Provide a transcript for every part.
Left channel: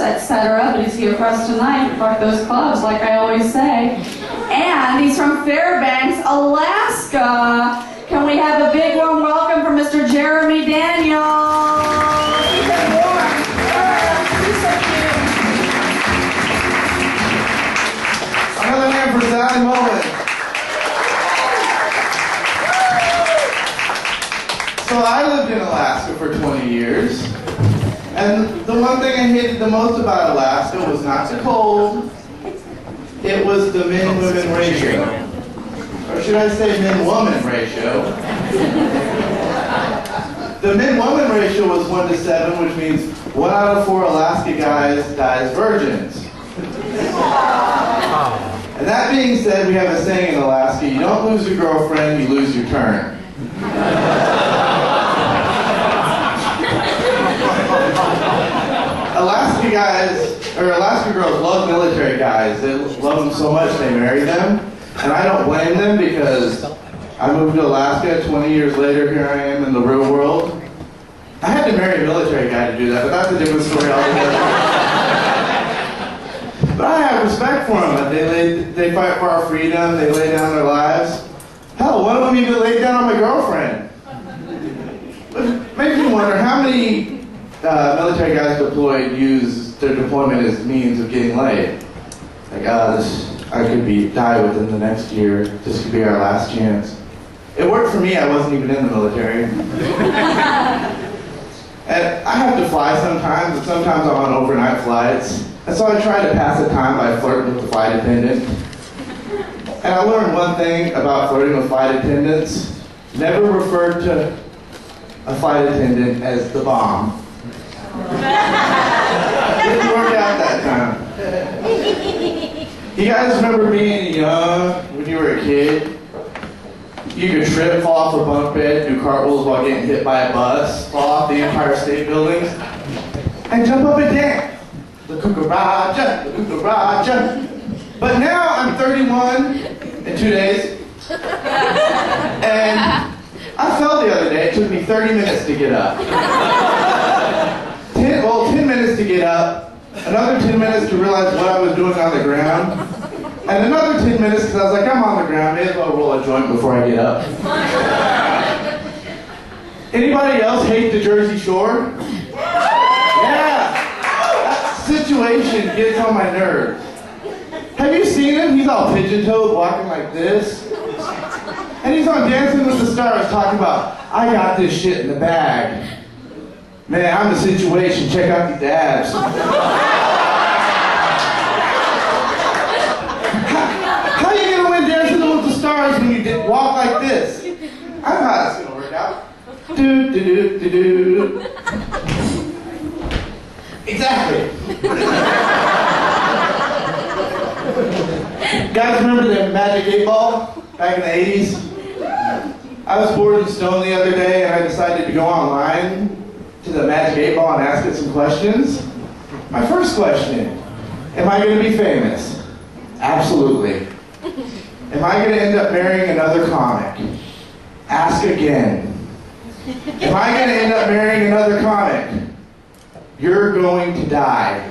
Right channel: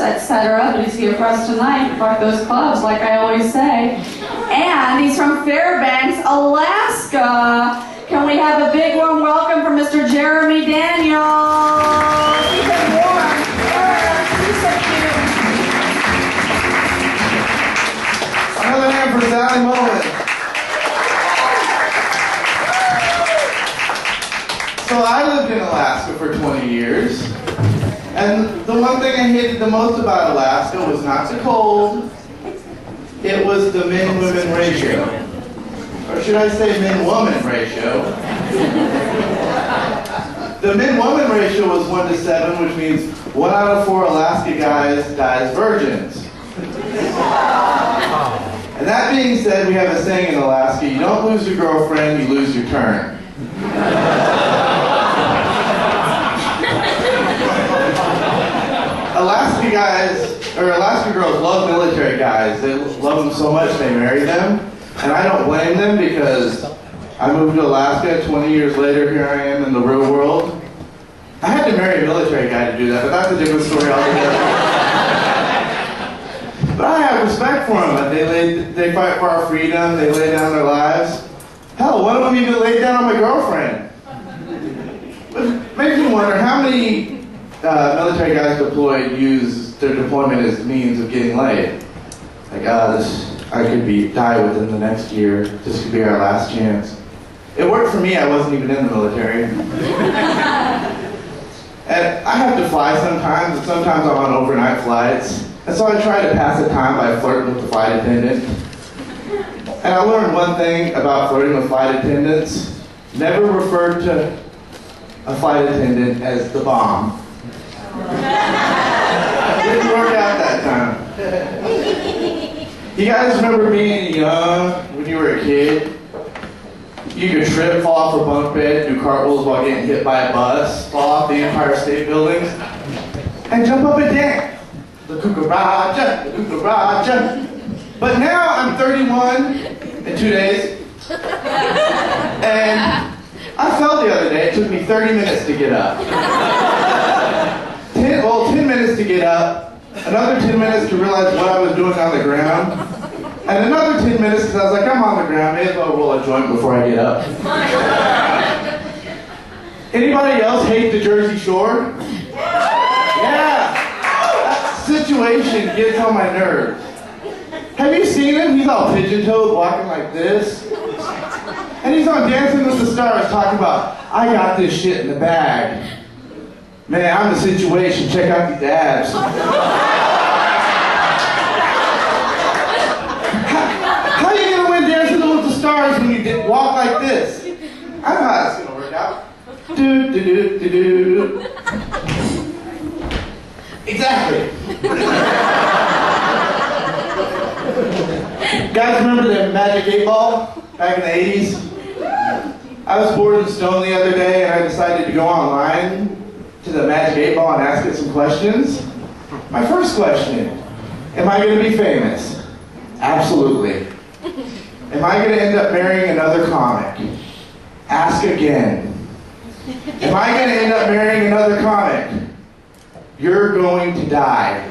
etc. But he's here for us tonight. Fuck those clubs, like I always say. And he's from Fairbanks, Alaska. Can we have a big warm welcome for Mr. Jeremy Daniels? Keep it warm. He's so cute. Another hand for Sally Mullen. So I lived in Alaska for 20 years. And the one thing I hated the most about Alaska was not the cold. It was the men-women ratio. Or should I say men-woman ratio? The men-woman ratio was 1 to 7, which means 1 out of 4 Alaska guys dies virgins. And that being said, we have a saying in Alaska, you don't lose your girlfriend, you lose your turn. Alaska guys, or Alaska girls love military guys. They love them so much they marry them. And I don't blame them because I moved to Alaska 20 years later, here I am in the real world. I had to marry a military guy to do that, but that's a different story altogether. But I have respect for them. They fight for our freedom, they lay down their lives. Hell, one of them even laid down on my girlfriend. But it makes me wonder how many military guys deployed use their deployment as means of getting laid. Like, I could die within the next year. This could be our last chance. It worked for me. I wasn't even in the military. And I have to fly sometimes, and sometimes I'm on overnight flights. And so I try to pass the time by flirting with the flight attendant. And I learned one thing about flirting with flight attendants. Never refer to a flight attendant as the bomb. Didn't work out that time. You guys remember being young when you were a kid? You could trip, fall off a bunk bed, do cartwheels while getting hit by a bus, fall off the Empire State Building, and jump up and dance. The cucaracha, the cucaracha. But now I'm 31 in 2 days, and I fell the other day. It took me 30 minutes to get up. 10 minutes to get up, another 10 minutes to realize what I was doing on the ground, and another 10 minutes because I was like, I'm on the ground, may as well roll a joint before I get up. Anybody else hate the Jersey Shore? Yeah! That situation gets on my nerves. Have you seen him? He's all pigeon-toed, walking like this. And he's on Dancing with the Stars talking about, I got this shit in the bag. Man, I'm the situation. Check out these abs. How are you going to win Dancing with the Stars when you walk like this? I know how it's going to work out. Do, do, do, do, do. Exactly. Guys, remember the Magic 8 Ball back in the 80s? I was bored and stoned the other day and I decided to go online to the Magic 8 Ball and ask it some questions. My first question, am I going to be famous? Absolutely. Am I going to end up marrying another comic? Ask again. Am I going to end up marrying another comic? You're going to die.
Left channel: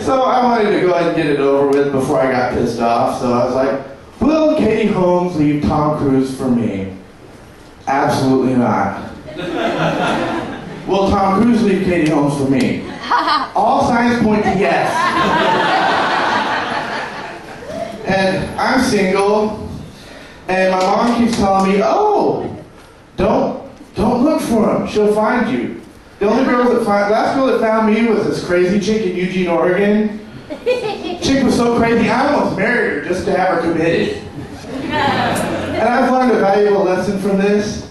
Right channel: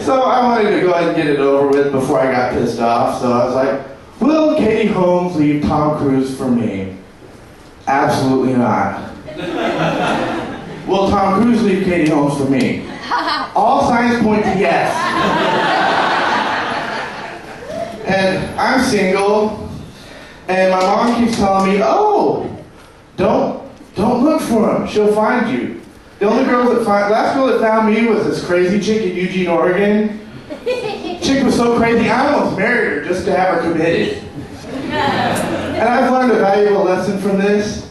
So I wanted to go ahead and get it over with before I got pissed off. So I was like, will Katie Holmes leave Tom Cruise for me? Absolutely not. Will Tom Cruise leave Katie Holmes for me? All signs point to yes. And I'm single, and my mom keeps telling me, oh, don't look for him. She'll find you. The only last girl that found me was this crazy chick in Eugene, Oregon. Chick was so crazy, I almost married her just to have her committed. And I've learned a valuable lesson from this.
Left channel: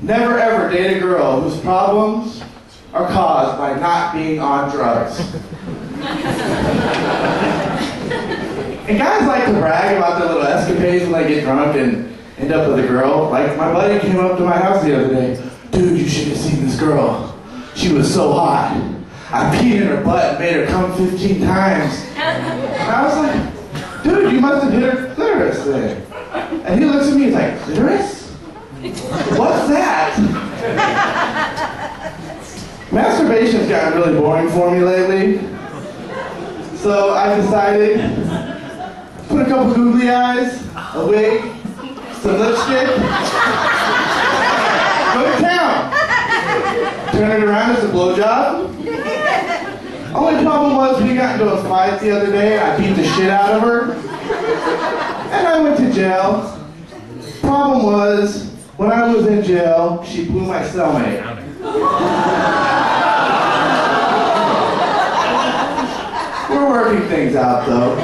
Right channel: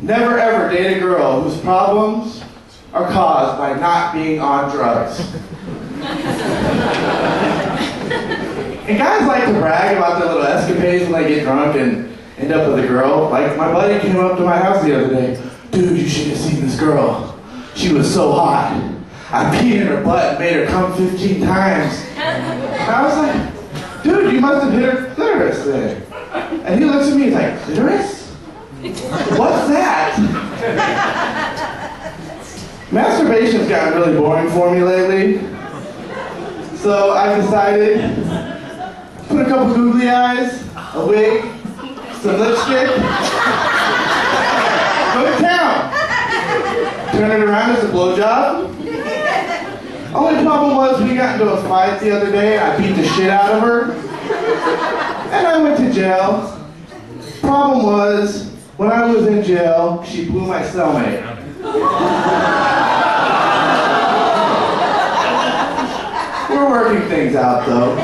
Never ever date a girl whose problems are caused by not being on drugs. And guys like to brag about their little escapades when they get drunk and end up with a girl. Like, my buddy came up to my house the other day. Dude, you should have seen this girl. She was so hot. I peed in her butt and made her come 15 times. And I was like, dude, you must have hit her clitoris then. And he looks at me, he's like, clitoris? What's that? Masturbation's gotten really boring for me lately. So I decided, put a couple googly eyes, a wig, some lipstick, go to town. Turn it around as a blowjob. Only problem was we got into a fight the other day and I beat the shit out of her. And I went to jail. Problem was, when I was in jail, she blew my cellmate. We're working things out though.